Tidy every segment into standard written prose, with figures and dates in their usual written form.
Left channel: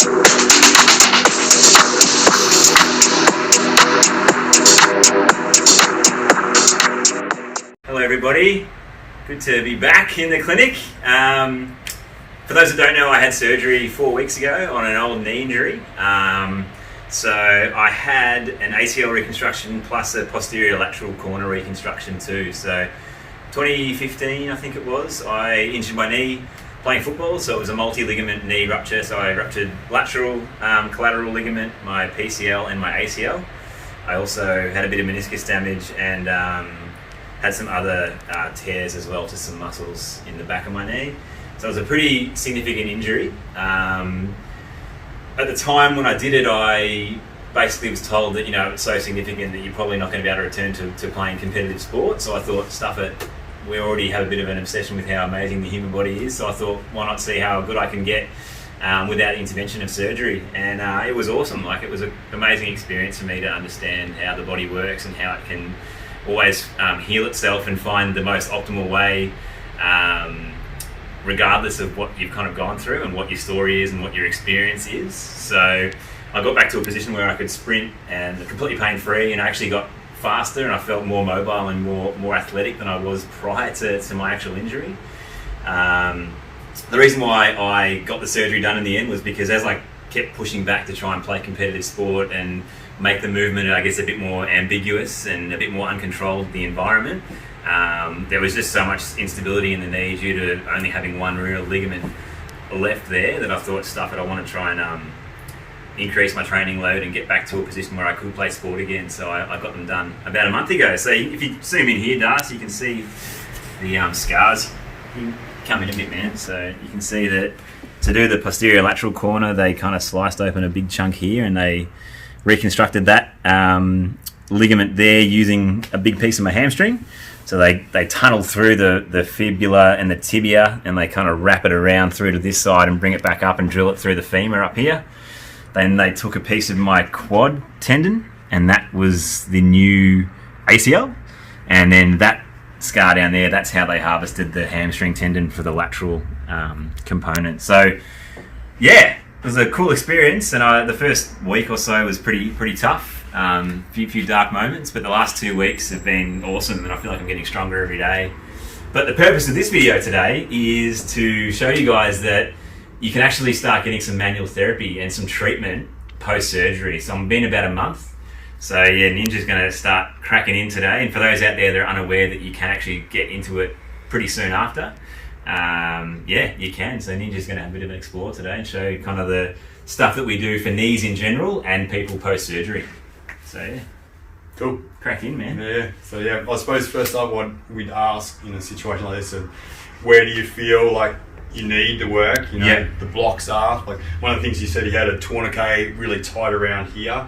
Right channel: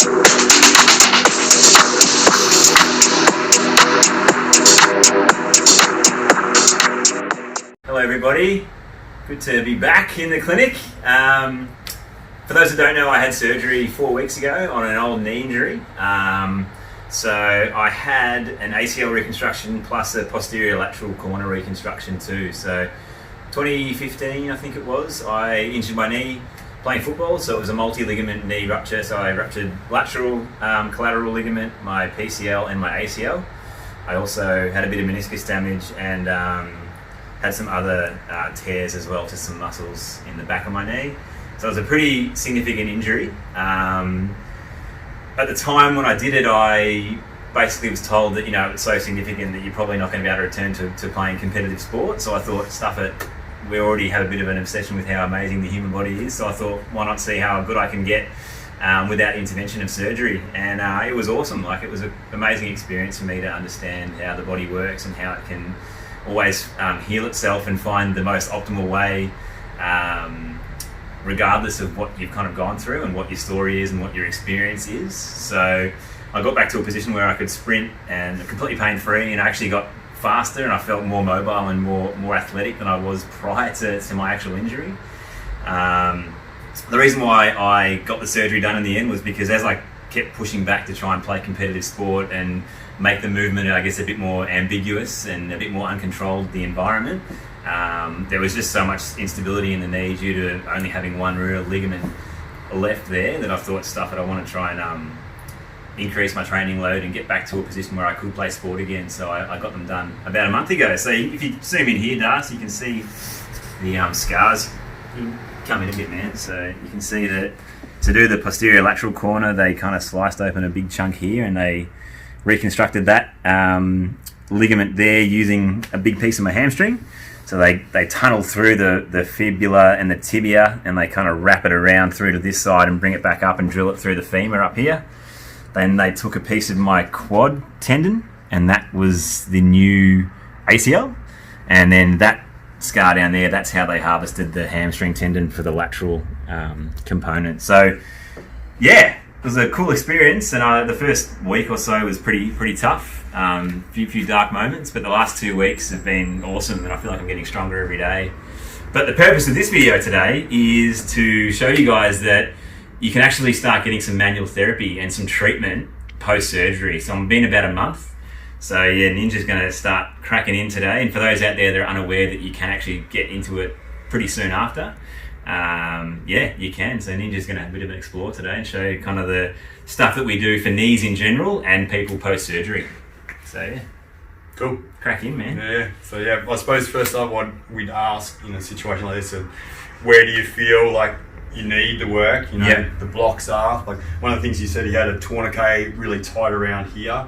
Hello everybody, good to be back in the clinic. For those who don't know, I had surgery 4 weeks ago on an old knee injury. So I had an ACL reconstruction plus a posterolateral corner reconstruction too. So 2015 I think it was, I injured my knee playing football, so it was a multi-ligament knee rupture. So I ruptured lateral collateral ligament, my PCL and my ACL. I also had a bit of meniscus damage and had some other tears as well to some muscles in the back of my knee. So it was a pretty significant injury. At the time when I did it, I basically was told that, you know, it's so significant that you're probably not going to be able to return to playing competitive sport. So I thought, stuff it, we already have a bit of an obsession with how amazing the human body is. So I thought, why not see how good I can get without intervention of surgery. And it was awesome. Like, it was an amazing experience for me to understand how the body works and how it can always heal itself and find the most optimal way, regardless of what you've kind of gone through and what your story is and what your experience is. So I got back to a position where I could sprint and completely pain-free, and I actually got faster and I felt more mobile and more athletic than I was prior to my actual injury. The reason why I got the surgery done in the end was because as I kept pushing back to try and play competitive sport and make the movement, I guess, a bit more ambiguous and a bit more uncontrolled, the environment, there was just so much instability in the knee due to only having one real ligament left there that I thought, stuff it, I want to try and increase my training load and get back to a position where I could play sport again. So I got them done about a month ago. So if you zoom in here, Darcy, you can see the scars. You come in a bit, man. So you can see that to do the posterolateral corner, they kind of sliced open a big chunk here and they reconstructed that ligament there using a big piece of my hamstring. So they tunnel through the fibula and the tibia, and they kind of wrap it around through to this side and bring it back up and drill it through the femur up here. Then they took a piece of my quad tendon, and that was the new ACL. And then that scar down there, that's how they harvested the hamstring tendon for the lateral component. So yeah, it was a cool experience, and the first week or so was pretty tough. Few dark moments, but the last 2 weeks have been awesome, and I feel like I'm getting stronger every day. But the purpose of this video today is to show you guys that you can actually start getting some manual therapy and some treatment post-surgery. So I'm been about a month. So yeah, Ninja's going to start cracking in today. And for those out there that are unaware that you can actually get into it pretty soon after, yeah, you can. So Ninja's going to have a bit of an explore today and show you kind of the stuff that we do for knees in general and people post-surgery. So yeah. Cool. Crack in, man. Yeah. So yeah, I suppose first up what we'd ask in a situation like this, where do you feel like you need the work? You know, the blocks are, like, one of the things you said, he had a tourniquet really tight around here,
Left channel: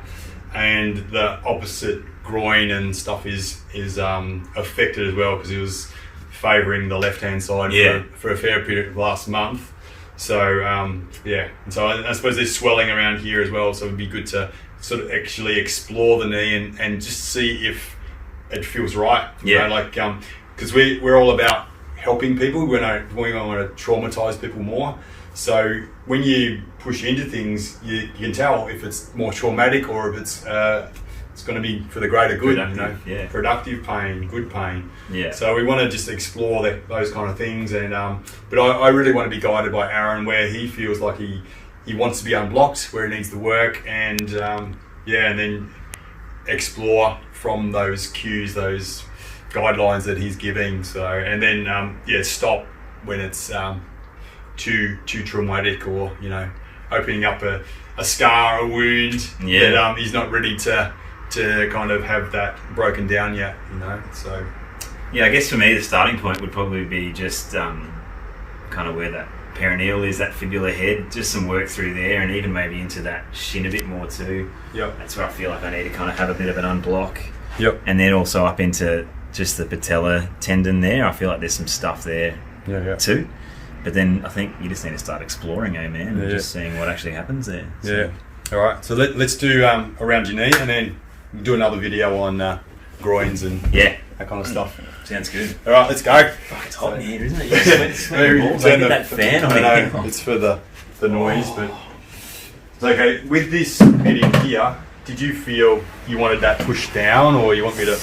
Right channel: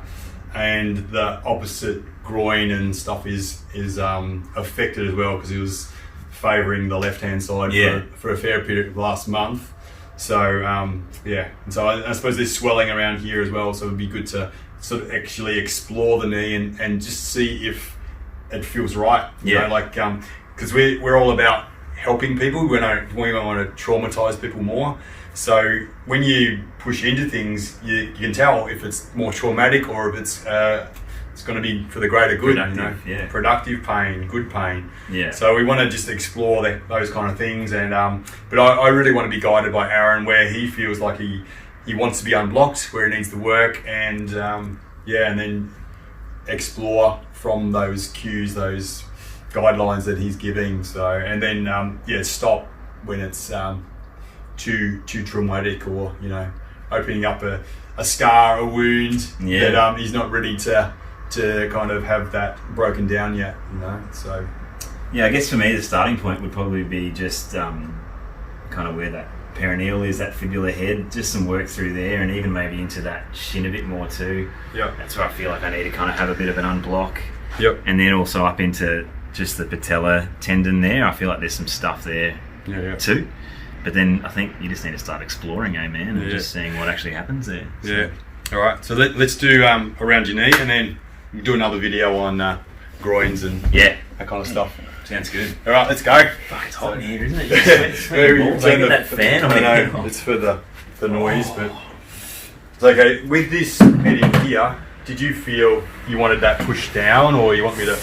and the opposite groin and stuff is affected as well, because he was favouring the left hand side for a fair period of last month. So yeah, and so I suppose there's swelling around here as well, so it'd be good to sort of actually explore the knee and just see if it feels right. You know, like, because we're all about helping people. We don't want to traumatize people more. So when you push into things, you can tell if it's more traumatic or if it's going to be for the greater good. Productive pain, good pain. Yeah. So we want to just explore those kind of things. And but I really want to be guided by Aaron where he feels like he wants to be unblocked, where he needs to work, and and then explore from those cues, those guidelines that he's giving. So, and then stop when it's too traumatic, or, you know, opening up a scar, a wound that he's not ready to kind of have that broken down yet, you know. So yeah, I guess for me the starting point would probably be just kind of where that perineal is, that fibula head, just some work through there, and even maybe into that shin a bit more too. Yeah, that's where I feel like I need to kind of have a bit of an unblock. Yep. And then also up into just the patella tendon there. I feel like there's some stuff there too. But then I think you just need to start exploring, man, and just seeing what actually happens there. So. Yeah. All right. So let's do around your knee, and then do another video on groins and that kind of stuff. Sounds good. All right, let's go. Fuck, it's hot in here, isn't it? You sweat balls. Get that fan on here. It's for the noise, but Okay, with this bit in here, did you feel you wanted that pushed down, or you want me to?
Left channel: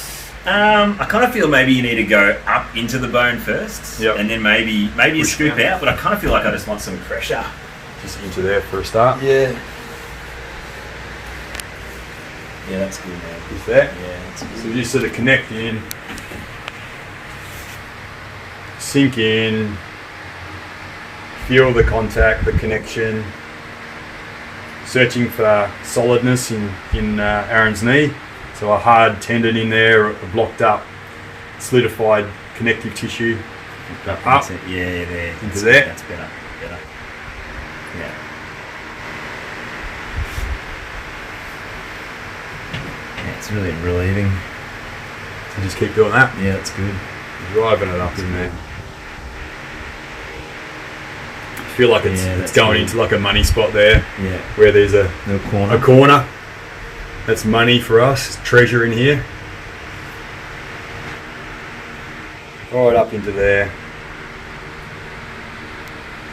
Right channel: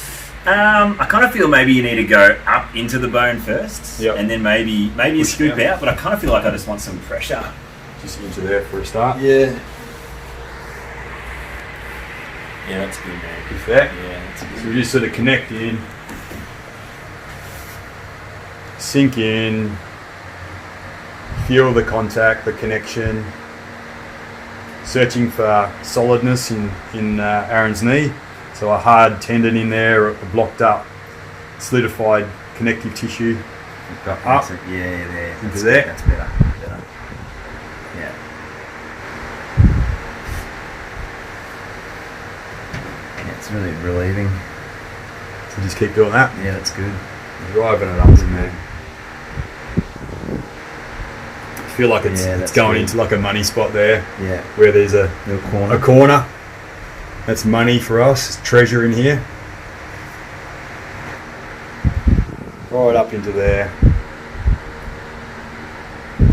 I kind of feel maybe you need to go up into the bone first, Yep. and then maybe you Push scoop down. out. But I kind of feel like I just want some pressure. Just into there for a start. Yeah. Yeah, that's good, man. Is that? Yeah, that's good. So we just sort of connect in, sink in, feel the contact, the connection, searching for solidness in Aaron's knee. So a hard tendon in there, a blocked up, solidified connective tissue. Up. That's it. Yeah, there. Into That's there. That's better. Yeah. Yeah, it's really relieving. So just keep doing that. Yeah, that's good. Driving it up in there. I feel like it's that's going good. into like a money spot there, Yeah. where there's a Little corner. a corner. That's money for us. It's treasure in here. Right up into there.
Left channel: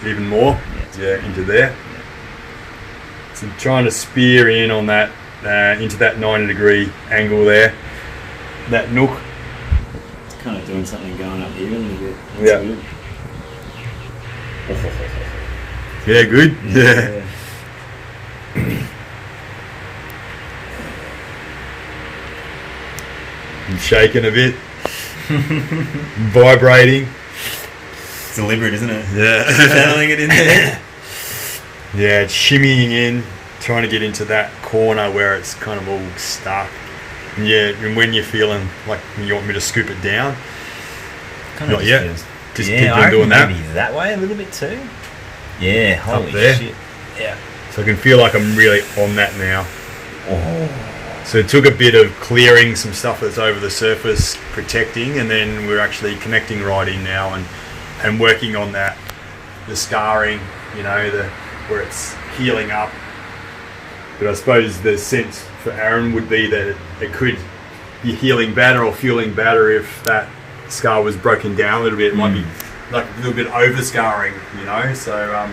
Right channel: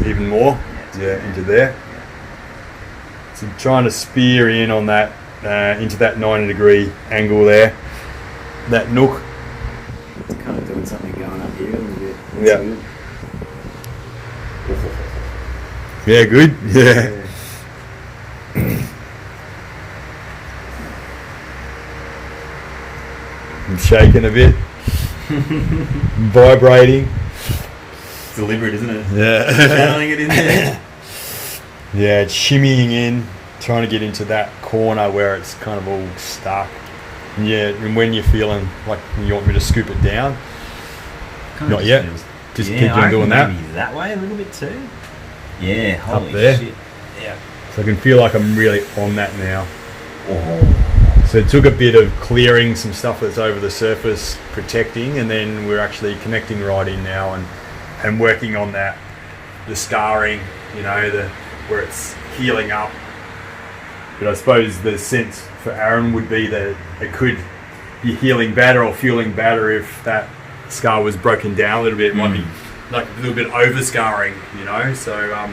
Even more. Yeah, into there. So trying to spear in on that, into that 90-degree angle there. That nook. It's kind of doing something going up here a little bit. Yeah. Yeah, good. Yeah. I'm shaking a bit. Vibrating. It's deliberate, isn't it? Yeah. Channeling it in there. Yeah, it's shimmying in, trying to get into that corner where it's kind of all stuck. And yeah, and when you're feeling like you want me to scoop it down, not yet. Just keep on doing that. Maybe that way a little bit too. Yeah, holy there. shit. Yeah. So I can feel like I'm really on that now. Oh. So it took a bit of clearing some stuff that's over the surface, protecting, and then we're actually connecting right in now and working on that, the scarring, you know, where it's healing up. But I suppose the sense for Aaron would be that it could be healing better or feeling better if that scar was broken down a little bit. It might be like a little bit over scarring, you know. So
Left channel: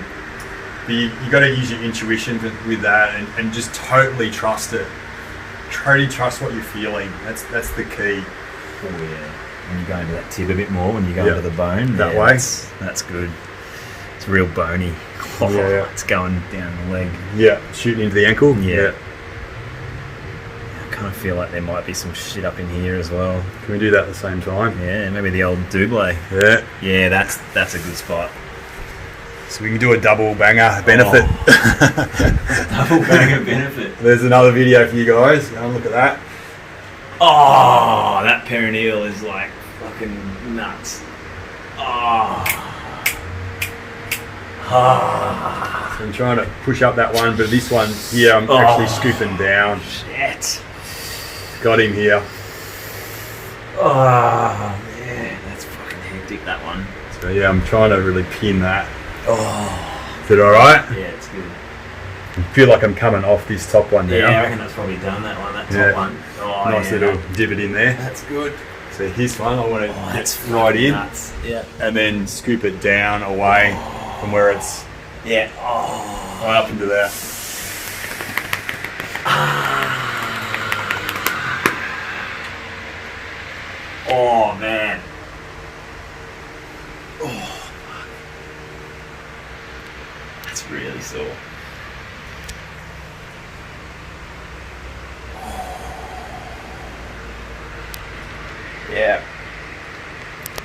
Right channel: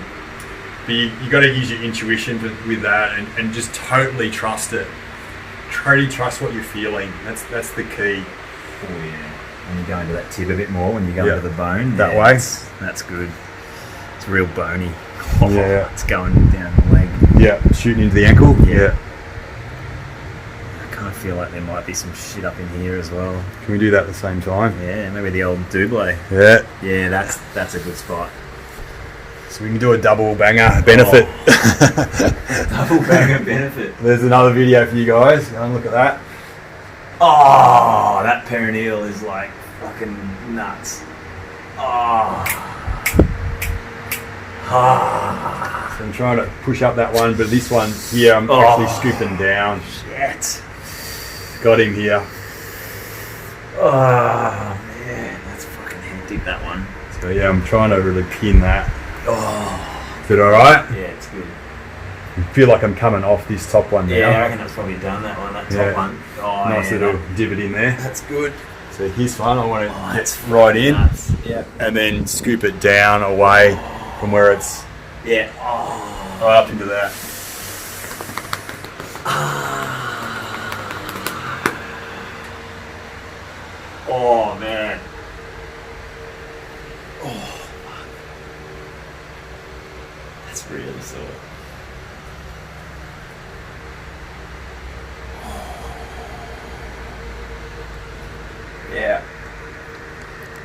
but you got to use your intuition with that and just totally trust it. Totally trust what you're feeling. That's the key. Oh yeah. And you go into that tip a bit more when you go Yeah. into the bone. That Yeah, way. That's good. It's real bony. Yeah. It's going down the leg. Yeah, shooting into the ankle. Yeah. I kind of feel like there might be some shit up in here as well. Can we do that at the same time? Yeah, maybe the old double. Yeah. Yeah, that's a good spot. So we can do a double banger benefit. Double banger benefit. There's another video for you guys. Go and look at that. Oh, that perineal is like fucking nuts. Oh. Ah. So I'm trying to push up that one, but this one here I'm actually scooping down. Shit. Got him here. Oh man, that's fucking hectic, that one. So yeah, I'm trying to really pin that. Oh. Is it alright? Yeah, it's good. I feel like I'm coming off this top one now. Yeah, I reckon that's probably done, that one, that top Yeah. one. Oh, Nice yeah, little divot in there. that's good. So this one I want to That's right in nuts. Yeah. and then scoop it down away from where it's Yeah. Oh. right up into there. Oh man. Oh. That's really sore. Yeah.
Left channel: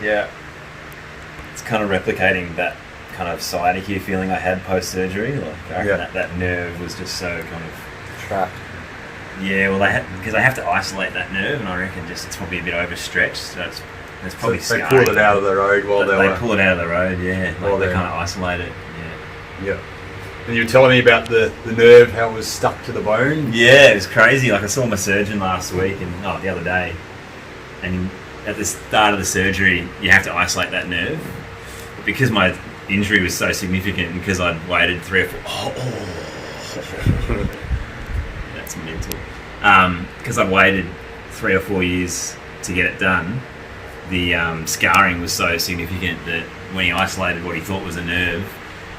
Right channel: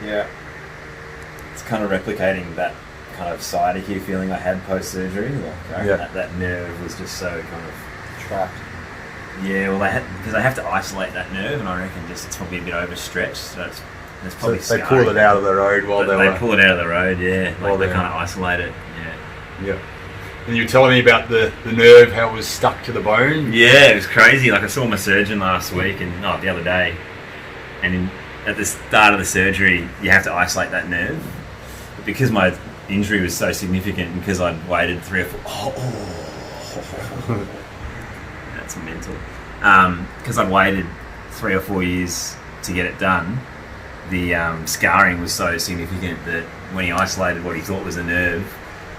Yeah. It's kind of replicating that kind of sciatica feeling I had post-surgery. Like, I reckon that nerve was just so kind of Trapped. Yeah, well, because I have to isolate that nerve, and I reckon just it's probably a bit overstretched. So it's probably So they scarring. pulled it out of the road while But they they were. pull it out of the road, yeah. While Like they they're- kind of isolate it, yeah. Yeah. And you were telling me about the nerve, how it was stuck to the bone. Yeah, it was crazy. Like I saw my surgeon last week, and the other day, and at the start of the surgery, you have to isolate that nerve. But because my injury was so significant, and because I'd waited 3 or 4. That's mental. Because I'd waited 3 or 4 years to get it done, the scarring was so significant that when he isolated what he thought was a nerve,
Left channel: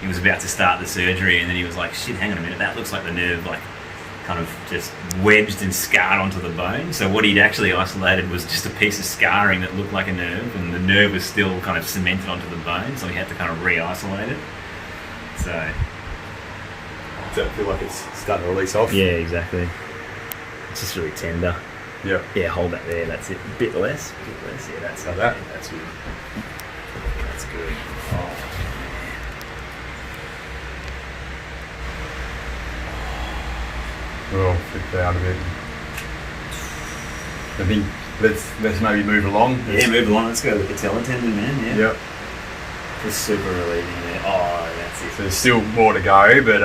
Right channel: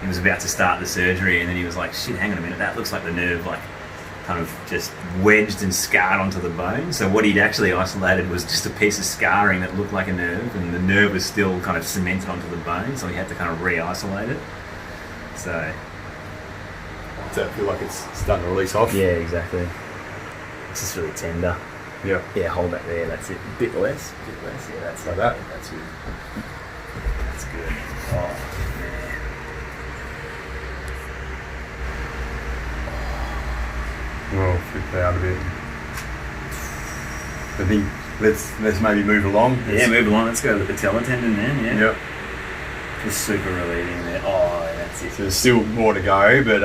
he was about to start the surgery, and then he was like, shit, hang on a minute, that looks like the nerve like kind of just wedged and scarred onto the bone. So what he'd actually isolated was just a piece of scarring that looked like a nerve, and the nerve was still kind of cemented onto the bone, so he had to kind of re-isolate it. So does that feel like it's starting to release off? yeah, exactly. It's just really tender. Yeah. Yeah, hold that there. That's it. A bit less. Yeah, that's Like it. that? Yeah, that's good. That's good. Oh man. Oh, flip out a bit. I think let's maybe move along. Yeah, move along. Let's go to the patella tendon then. Yeah. Yep. Just super relieving there. Oh, that's it. So there's still more to go, but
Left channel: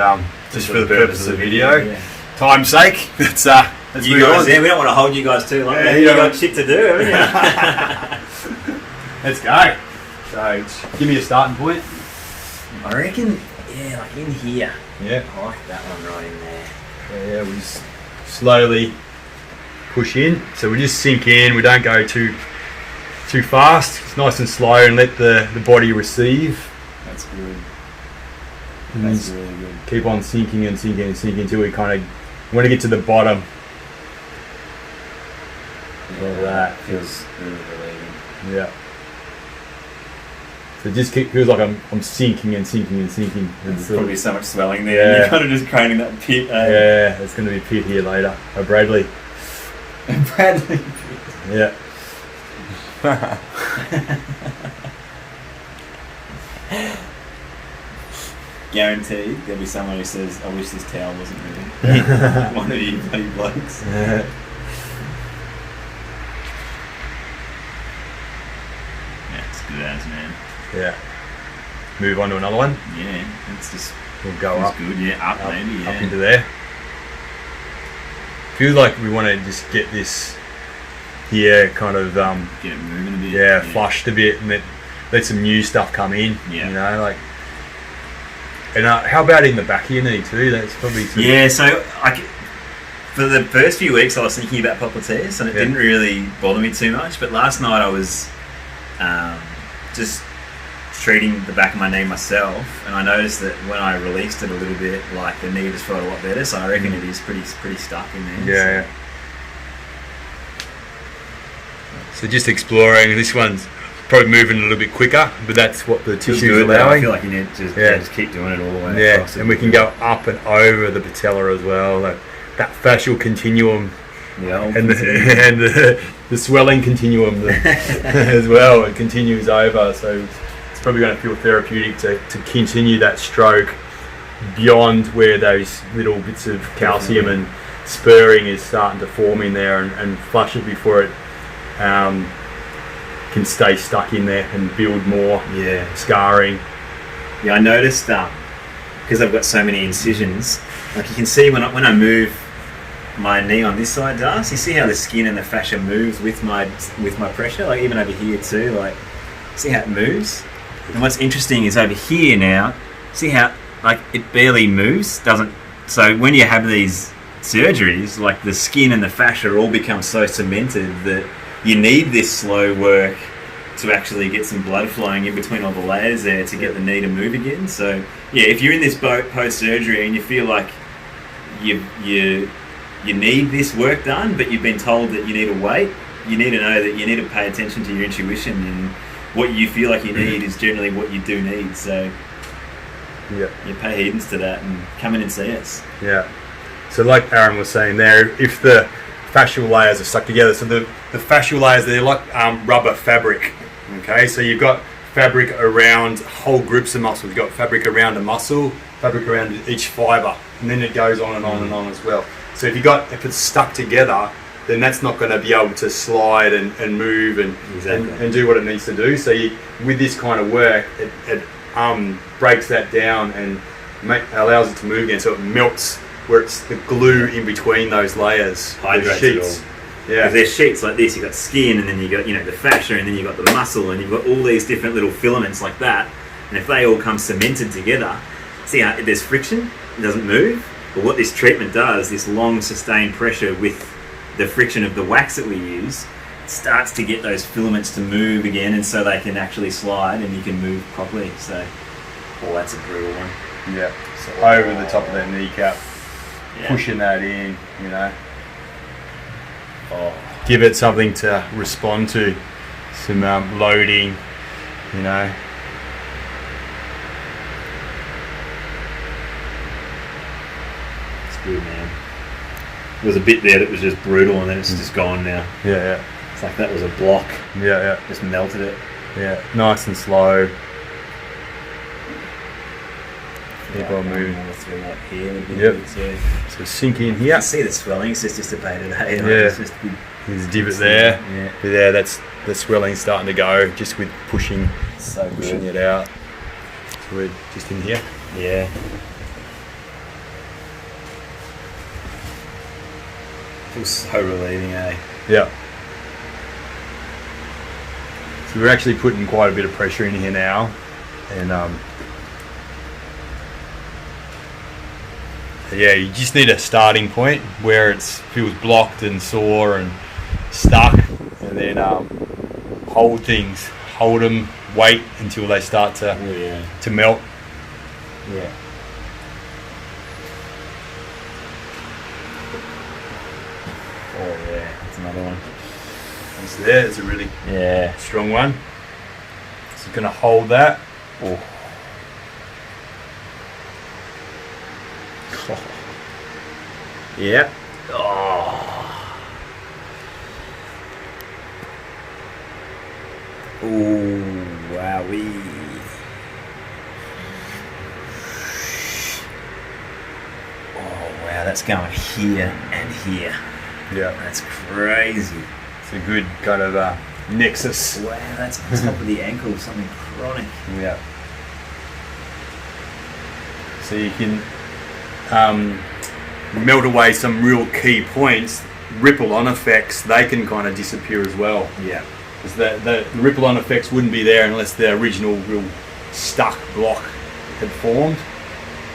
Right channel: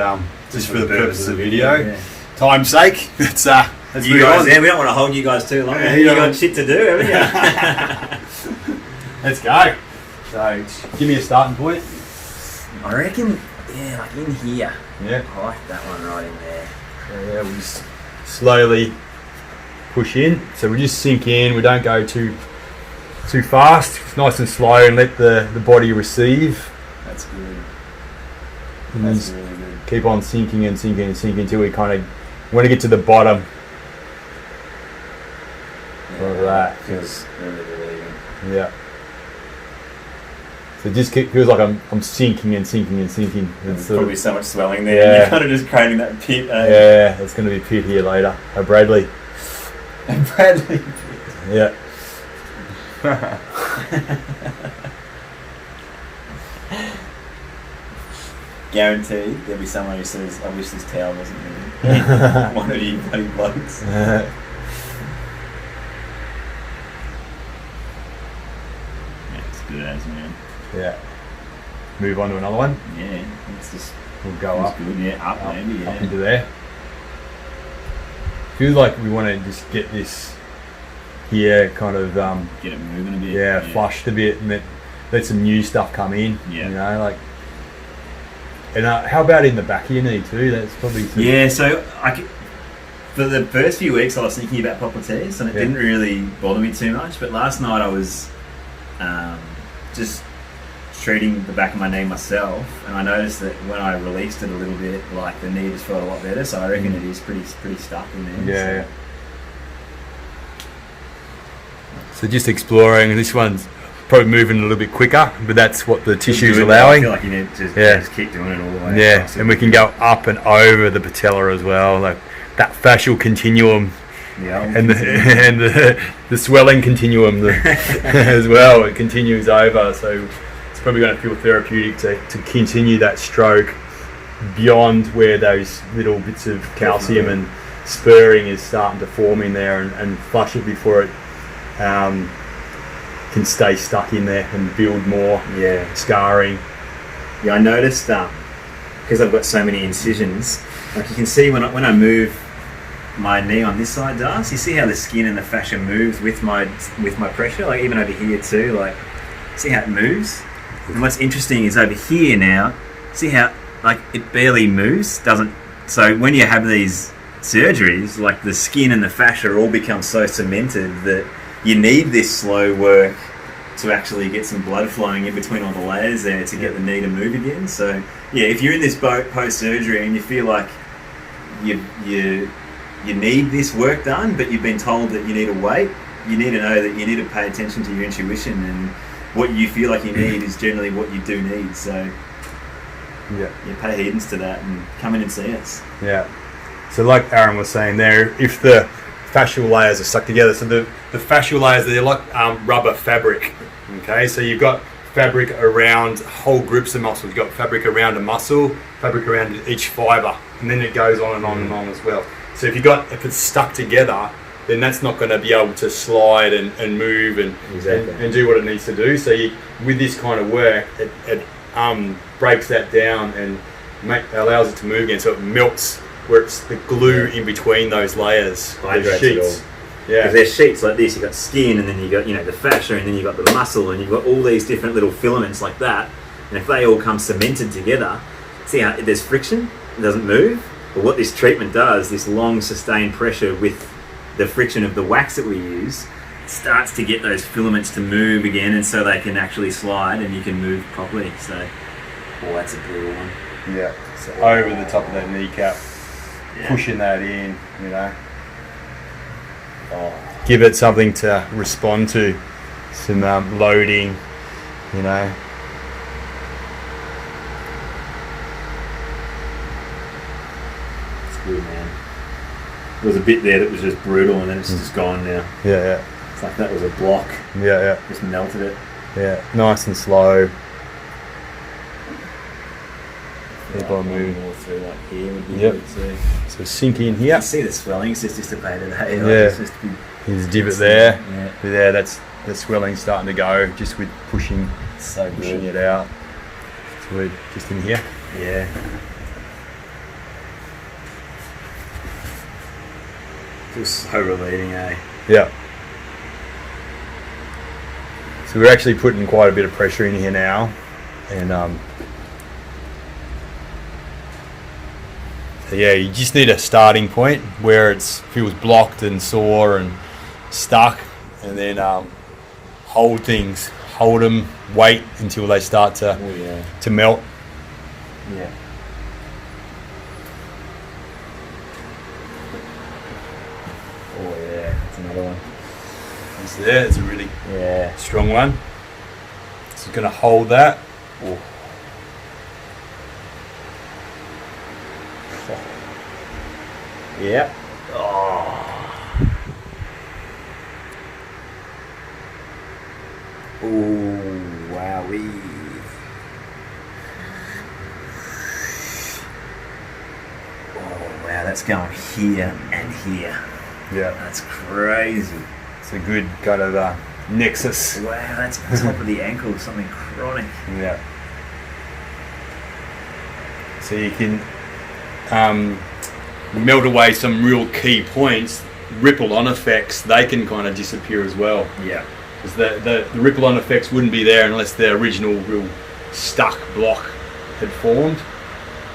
just for the purpose of the video, Yeah. time's sake, let's You move guys, on. yeah, we don't want to hold you guys too long. Yeah, You you got don't- shit to do, haven't you? Let's go. So give me a starting point. I reckon, yeah, like in here. Yeah. I like that one right in there. So yeah, we just slowly push in. So we just sink in. We don't go too fast. It's nice and slow, and let the body receive. That's good. And That's just really good. keep on sinking and sinking and sinking until we kind of want to get to the bottom. Like that. Feels really relieving. Yeah. So it just feels like I'm sinking and sinking and sinking. And There's sort of- probably so much swelling there. Yeah. You're kind of just creating that pit. yeah, it's going to be pit here later. Bradley. And Bradley pit. Yeah. Guaranteed there'll be someone who says, I wish this towel wasn't moving. One of you bloody blokes. Yeah. That's good as, man. Yeah. Move on to another one. Yeah, it's just We'll go feels up, good. Yeah, up maybe, yeah. up into there. Feels like we want to just get this here, kind of Get it moving a bit. flushed a bit, and let some new stuff come in. Yeah. You know, like. And how about in the back of your knee too? That's probably too. Yeah, so for the first few weeks I was thinking about popliteus, and it didn't really bother me too much, but last night I was just treating the back of my knee myself, and I noticed that when I released it a little bit, like the knee just felt a lot better, so I reckon it is pretty stuck in there. Yeah. So just exploring. This one's probably moving a little bit quicker, but that's what the tissue's Good, I allowing. feel like you need to just keep doing it all the way Yeah, across. and we can go up and over the patella as well, like that fascial continuum and the swelling continuum as well. It continues over, so it's probably going to feel therapeutic to continue that stroke beyond where those little bits of calcium and spurring is starting to form in there, and flush it before it can stay stuck in there and build more scarring. Yeah, I noticed because I've got so many incisions, like you can see when I move my knee on this side, does you see how the skin and the fascia moves with my pressure, like even over here too, like see how it moves. And what's interesting is over here now, see how like it barely moves, doesn't. So when you have these surgeries, like the skin and the fascia all become so cemented that you need this slow work to actually get some blood flowing in between all the layers there to get the knee to move again. So yeah, if you're in this boat post-surgery and you feel like you need this work done, but you've been told that you need to wait, you need to know that you need to pay attention to your intuition, and what you feel like you need is generally what you do need. So Yeah. you pay heedance to that and come in and see us. Yeah. So like Aaron was saying there, if the fascial layers are stuck together, so the fascial layers, they're like rubber fabric. Okay, so you've got fabric around whole groups of muscles. You've got fabric around a muscle, fabric around each fibre, and then it goes on and on and on as well. So if it's stuck together, then that's not going to be able to slide and move and do what it needs to do. So with this kind of work, it breaks that down and allows it to move again. So it melts where it's the glue in between those layers, Hydrates the it sheets. all. Yeah. Because there's sheets like this, you've got skin, and then you've got the fascia, and then you've got the muscle, and you've got all these different little filaments like that. And if they all come cemented together, see how there's friction, it doesn't move. But what this treatment does, this long sustained pressure with the friction of the wax that we use, starts to get those filaments to move again, and so they can actually slide and you can move properly. So Oh, that's a brutal one. Yeah. So over the top of that kneecap, pushing that in, you know. Oh. Give it something to respond to. Some loading, you know. It's good, man. There was a bit there that was just brutal, and then it's just gone now. Yeah. It's like that was a block. Yeah. Just melted it. Yeah. Nice and slow. Keep on moving. More through like here. Yep. So sink in here. You see the swelling, it's just dissipated. Hey? Like, Yeah. it's just big. There's a divot there. Yeah. But there, that's the swelling starting to go just with pushing So pushing good. it out. So we're just in here. Yeah. Feels so relieving, eh? Yeah. So we're actually putting quite a bit of pressure in here now, and yeah, you just need a starting point where it feels blocked and sore and stuck, and then hold them, wait until they start to melt. Yeah. Oh yeah, that's another one. So there, it's a really Yeah. strong one. So you're going to hold that. Oh. Yeah. Oh. Ooh, wowee. Oh wow, that's going here and here. Yeah, That's crazy. it's a good kind of nexus. Wow, that's on top of the ankle, something chronic. Yeah. So you can melt away some real key points. Ripple-on effects, they can kind of disappear as well. Yeah. Because the ripple-on effects wouldn't be there unless the original real stuck block had formed.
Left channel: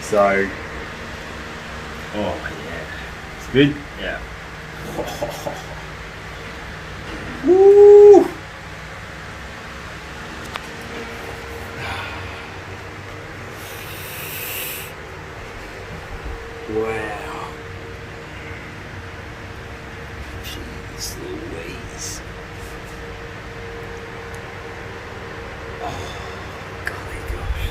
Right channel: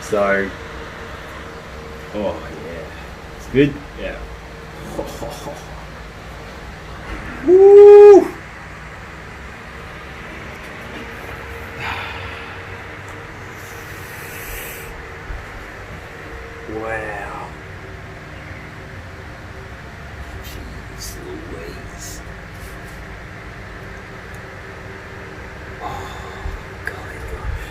So, Oh yeah. it's good. Yeah. Woo! Wow. Jeez Louise. Oh, golly gosh.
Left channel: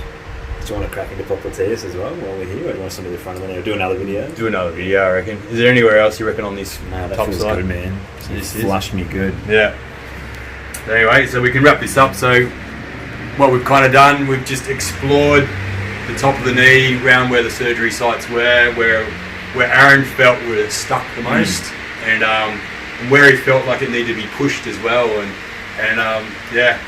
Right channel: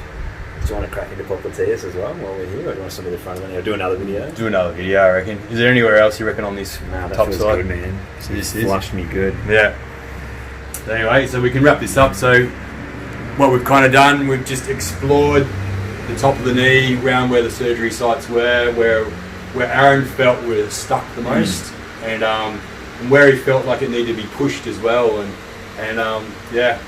Do you want to crack into popliteus as well while we're here, or do you want to stand to the front of it now? Do another video? Do another video, I reckon. Is there anywhere else you reckon on this No, that top feels side? good, man. This It is. flushed me good. Yeah. Anyway, so we can wrap this up. So what we've kind of done, we've just explored the top of the knee, round where the surgery sites were, where Aaron felt were stuck the most, and where he felt like it needed to be pushed as well, and yeah,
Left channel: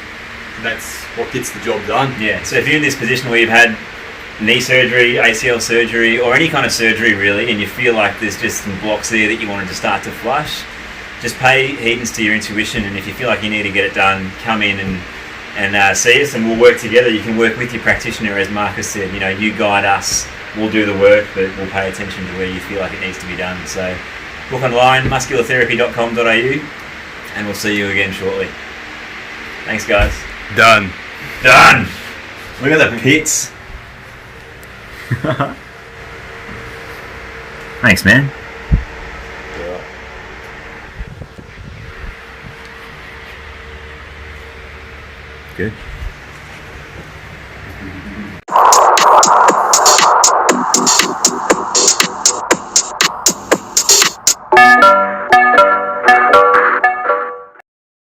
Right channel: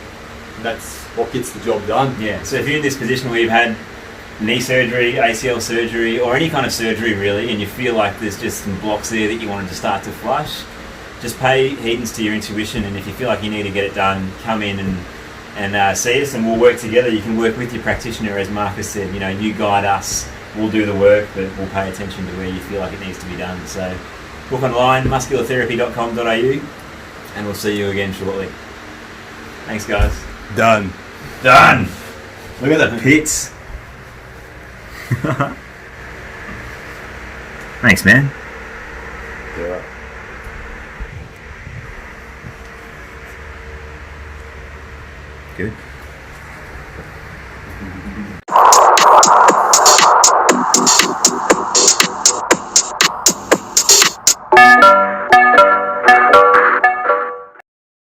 that's what gets the job done. Yeah, so if you're in this position where you've had knee surgery, ACL surgery, or any kind of surgery really, and you feel like there's just some blocks there that you wanted to start to flush, just pay heedance to your intuition, and if you feel like you need to get it done, come in and see us, and we'll work together. You can work with your practitioner, as Marcus said. You know, you guide us, we'll do the work, but we'll pay attention to where you feel like it needs to be done. So book online, musculartherapy.com.au, and we'll see you again shortly. Thanks, guys. Done. Done. Look at the pits. Thanks, man. Yeah. Good.